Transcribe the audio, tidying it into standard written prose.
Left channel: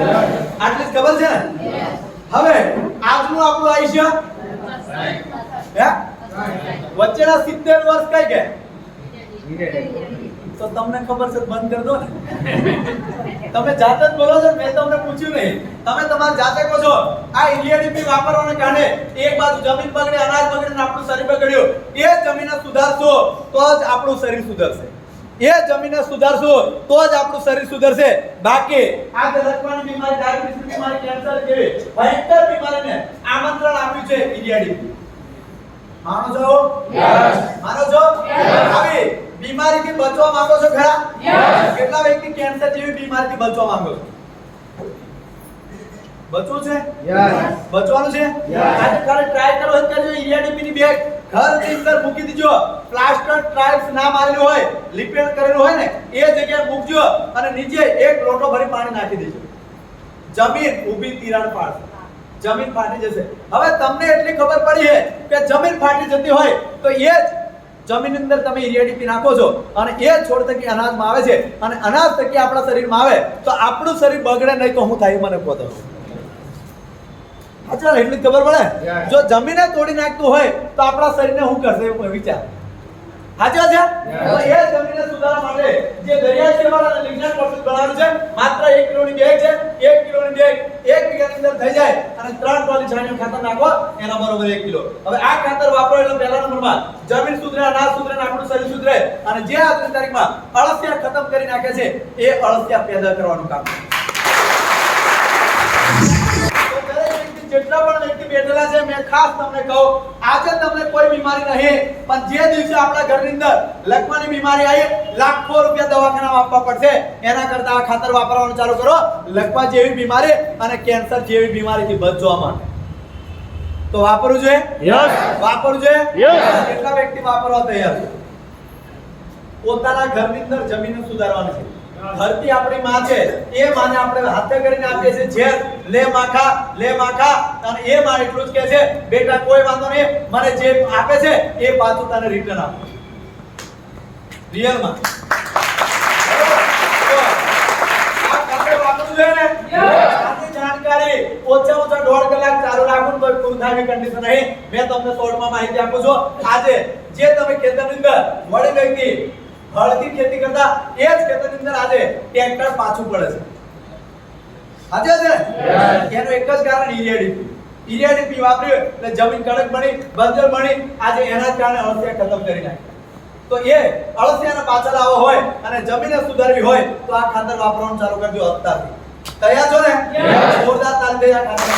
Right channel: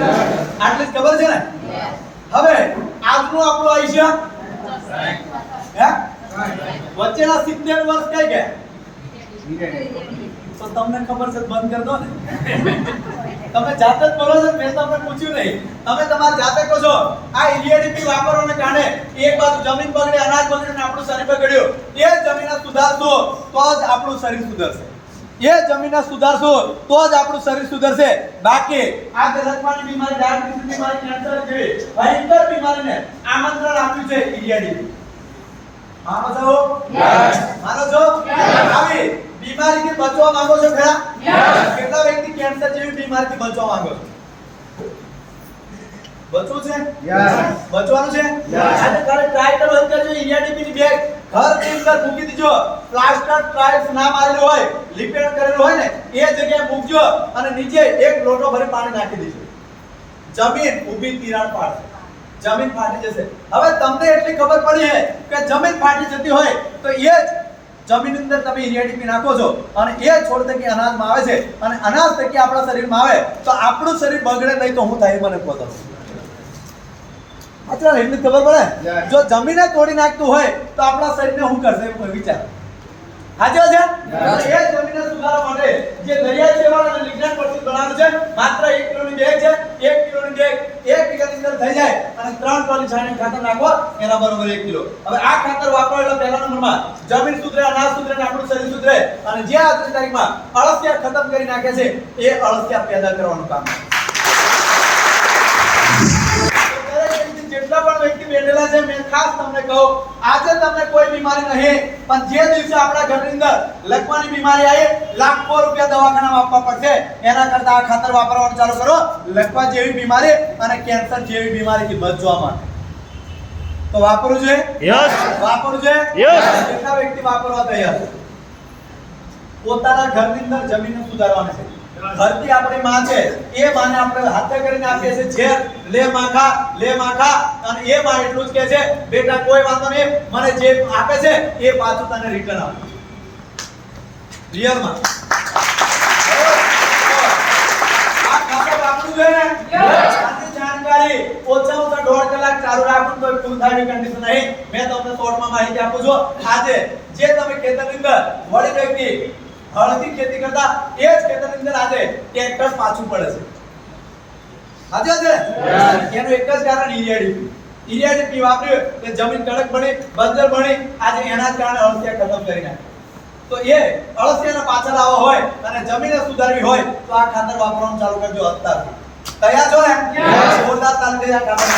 આટલી જ ખબર છે ને? હવે આજનું આપણું આયુષ્ય હે વચ્ચેના 70 વર્ષ કઈ ગયા? તો તમને ખબર છે બંધ કરી દો ને. તમે જાતે જ બોલો છો, મેં તમને પૂછ્યું નહીં. તમે તમારી જાતે કહો છો આ ઈડીએડીપી વાપરવાને કારણે એક બાજુ જમીન બગડે, અનાજ બગડે ને આપણું શરીર બગડ્યું. એ જમીનને સુધારશો તો જ આપણું શરીર સુધરશે. એ જમીનને સુધારશો તો જ આપણું શરીર સુધરશે. બાકી આ લખવાની બીમારી, ડાયાબિટીસ બીમારી, કેન્સર જેવી ભયંકર બીમારીને આમંત્રણ આપ્યું છે ઈડીએડીપી. માનો છો? યસ. માનો છો? યસ. આવી બીમારીથી બચવા માંગો છો ખરા? યસ. કેટલા વ્યક્તિ કેન્સર જેવી બીમારીથી બચવા માંગો છો? બચવું છે? યસ. બચવાનું છે? યસ. આજે કાલે ટ્રાય કરો જ કરજો. ઈડીએડીપી ની બેગ ઘરની અંદર મૂકી દીજો. પ્લાસ્ટર ટાઇલ્સ ના મારેલું હોય, લિપેણ કરેલું હોય ને એ જગ્યાએ મૂકજો અને નીચે એક લોટો ભરી પાણી નાખી દેજો. જમીન ઊભી તિરાડ પાડશે. જમીન ફાટી જશે. હવે તમને એટલી ખબર પડી છે કે જમીન ફાટી જતી હોય તો એ જ જમીન અંદર તમે ઈડીએડીપી નાખો છો અને એ છોડ થકી અનાજમાં આવે છે અને અનાજ થકી આપણા શરીરમાં આવે તો આપણું શરીર બગડે નહીં તો હું થાય મને કહો તમે. અચ્છા, એટલી જ ખબર પડે. જો જમીને તોડી નાખતું હોય તો આપણા શરીરને શું કરશે વિચાર. હાજર છે? એ જમીનને સુધારવા માટે જે દરિયાઈ સેવાળ અને લિગ્નાઇટ પ્રસ્તુત બનાવ્યું છે માત્ર 1 કિલોની બેગ છે. 1 કિલોની બેગ 1 વીઘાની અંદર થઈ જાય અને 3 ટોલી છાણિયું ખાતર નાખો એના બરોબર 1 કિલો. હવે આ ખાતર વાપરો એટલે પહેલા નંબરમાં જમીન સુધરે, અનાજ સુધરે અને આપણું શરીર સુધરે અને જે આજની તારીખમાં અળસિયા ખતમ કરી નાખે છે એ અળસિયા પેદા કરવાનું કામ છે. જેટલા પણ વ્યક્તિ બેઠેલા છે મેં ખાસ તમને કહું આજે તમને કોઈ બીમારી નહીં પણ જે દિવસે આપણા ઘરની અંદર લકવાની બીમારી આવી લાખો રૂપિયા દવાખાનામાં આપવા પડશે એના કરતા આ ખાતર વાપરવાનું ચાલુ કરો. લકવા જેવી બીમારી અને કેન્સર જેવી બીમારીથી બચવા માટે તો વાપરવું જોઈએ. યસ. વાપરવું જોઈએ. યસ. કેટલા વ્યક્તિ વાપરવા તૈયાર છે? પોતાના ઘરની અંદર જમીનને સુધારવાની છે. ધરતી આપણી માં છે. એ માને આપણે હાથે કરીને આપીએ છીએ ઝેર, લે માખા અને એ માં એટલું જ કહે છે બેટા કોઈ વાંધો નહીં, મને જે આપે છે એ પાછું તને રિટર્ન આપો. રિયલ માં આ ખાતર વાપરવું જોઈએ ને? આની જાણકારી ઓછામાં ઓછા 1.5 કલાક ચાલુ રાખો તો પૂરું થાય કન્ડિશન નહીં. મેં તમને શોર્ટમાં માહિતી આપું છું. આજે જે તમે ખેતરની અંદર વળી વ્યક્તિ હળથી ખેતી કરતા એ જ ખેતરની અંદર આજે ટ્રેક્ટર પાછું પડે છે. હાજર છે? એનું એક જ કારણ ઈડીએડીપી. ઈડીએડીપી વાપર્યું એટલે જમીન કડક બની, બંજર બની. આજે એના જ કારણે અળસિયા ખતમ કરી નાખે. તો એ અળસિયાને પાછળ લાવવો હોય અને જમીનને સુધારવી હોય તો આ ખાતર વાપરવાનું ચાલુ કરજો અત્યારથી. તૈયાર છો ને? જોરદાર તાલી દે આ ખાતર.